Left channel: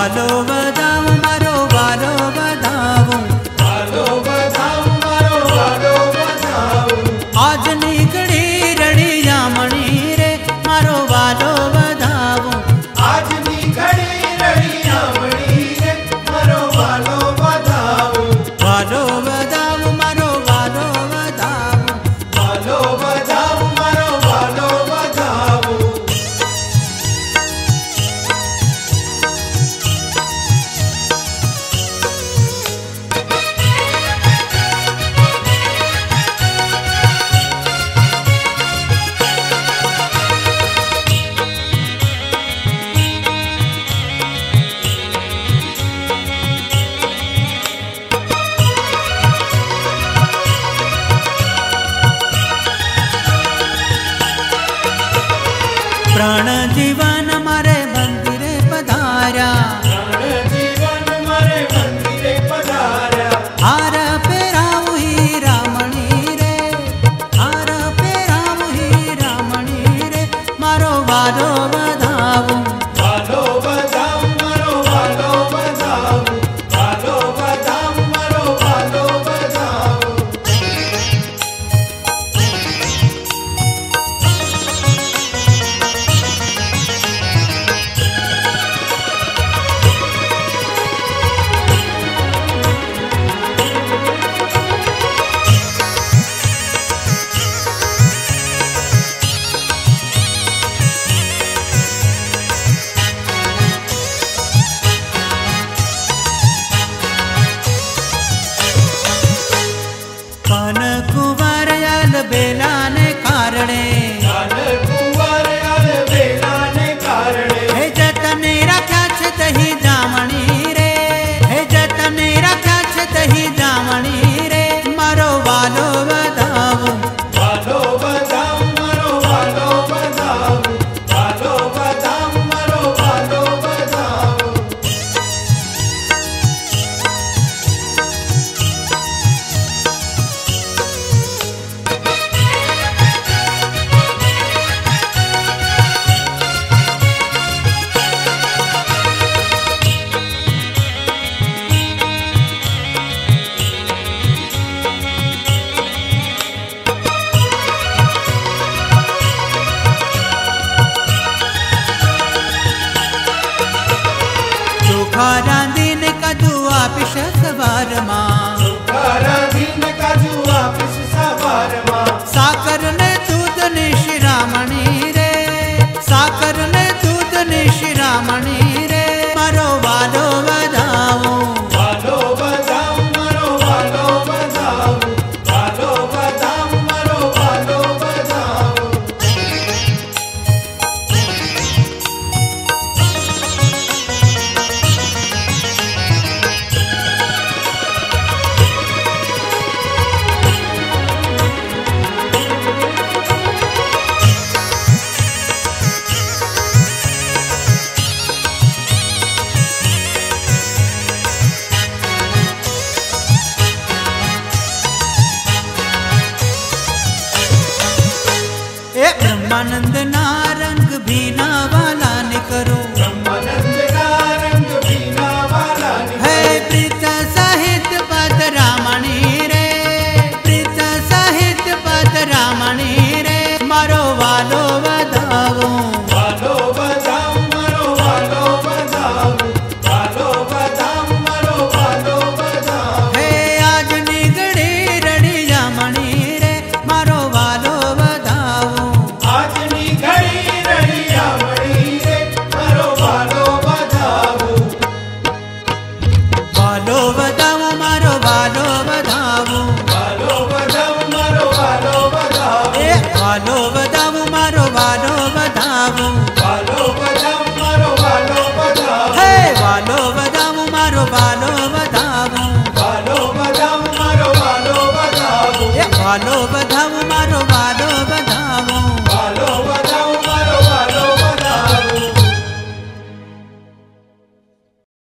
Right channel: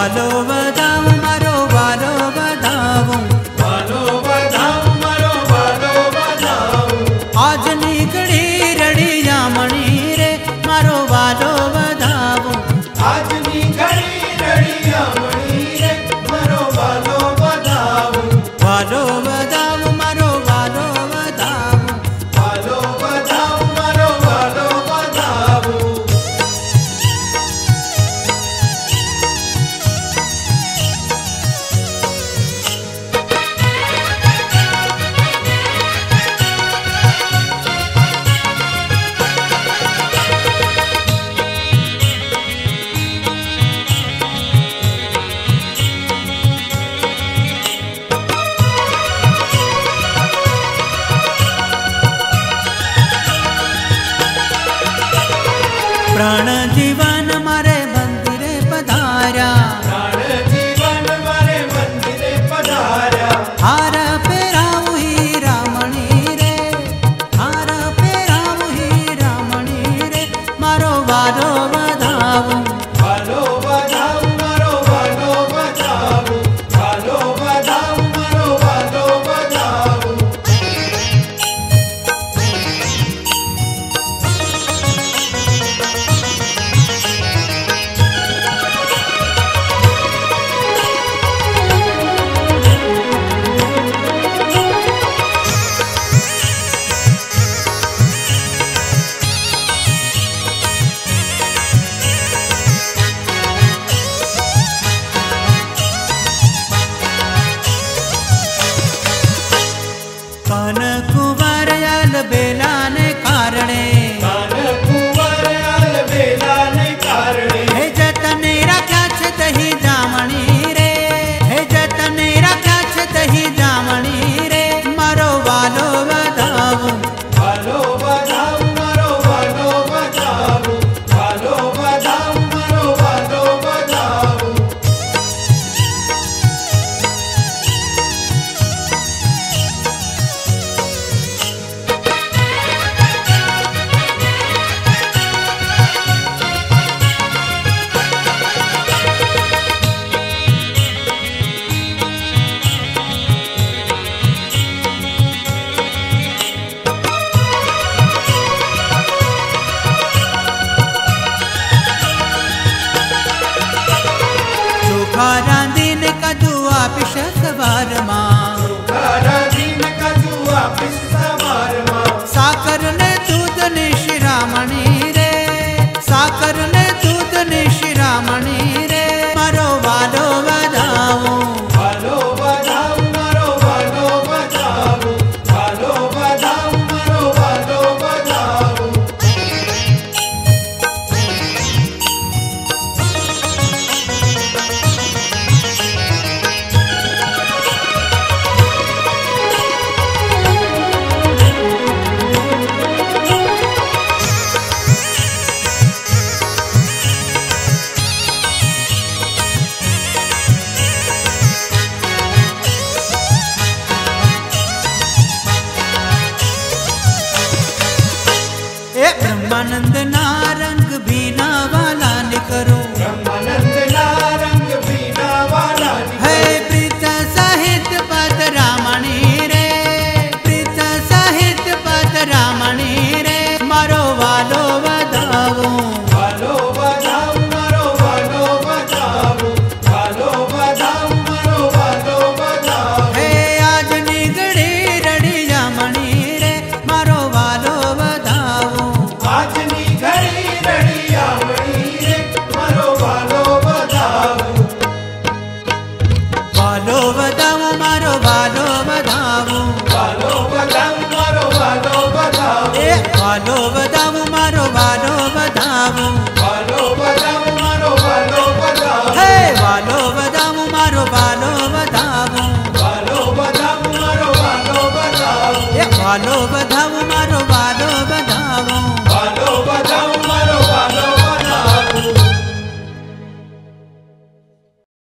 વાલો વધાવું મારો વાલો વધાવું, વાલો વધાવું મારો વાલો વધાવું, આજ નીકળી રળિયામણી રે મારો વાલો વધાવું, આજની ઘડી રળિયામણી રે મારો વાલો વધાવું, વાલો વધાવું મારો વાલો વધાવું, વાલો વધાવું મારો વાલો વધાવું. પ્રાણ જીવન મારે મંદિરે પધાર્યા, જીવન મારે મંદિરે પધાર્યા, હાર પહેરાવું હીરામણી રે, હાર પહેરાવું હીરામણી રે મારો વાલો વધાવું, વાલો વધાવું મારો વાલો વધાવું, વાલો વધાવું મારો વાલો વધાવું. કાન કુંવરયાલ બેલાને કારણે, કાન કુંવરયાલ બેલાને કારણે, હે જતને રાખ્યા છે તહી જામણી રે, હે જતને રાખ્યા છે તહી જામણી રે મારો વાલો વધાવું, વાલો વધાવું મારો વાલો વધાવું, વાલો વધાવું મારો વાલો વધાવું. ચોખા રાંધીને કદું આપીશ સવારમાં, તારા દિન કાજુ આપીશ સવારમાં, સાકર ને દૂધ ને શિરામણી રે, સાકર ને દૂધ ને શિરામણી રે મારો વાલો વધાવું, વાલો વધાવું મારો વાલો વધાવું, વાલો વધાવું મારો વાલો વધાવું. એ બ્રહ્માનંદ ના રંગ ભીના વાલા ને કરું, બ્રહ્માનંદના રંગ ભીના વાલાને, હે પ્રીત સાહિત્ય પદ રામણી રે, પ્રીત સાહિત્ય પદ રામણી રે મારો વાલો વધાવું, વાલો વધાવું મારો વાલો વધાવું, વાલો વધાવું મારો વાલો વધાવું. હે આજ નીકળી રળિયામણી રે મારો વાલો વધાવું, આજની ઘડી રળિયામણી રે મારો વાલો વધાવું, વાલો વધાવું મારો વાલો વધાવું, વાલો વધાવું મારો વાલો વધાવું, એ વાલો વધાવું મારો વાલો વધાવું, વાલો વધાવું મારો વાલો વધાવું, હે વાલો વધાવું મારો વાલો વધાવું, વાલો વધાવું મારો વાલો વધાવું, એ વાલો વધાવું મારો વાલો વધાવું, વાલો વધાવું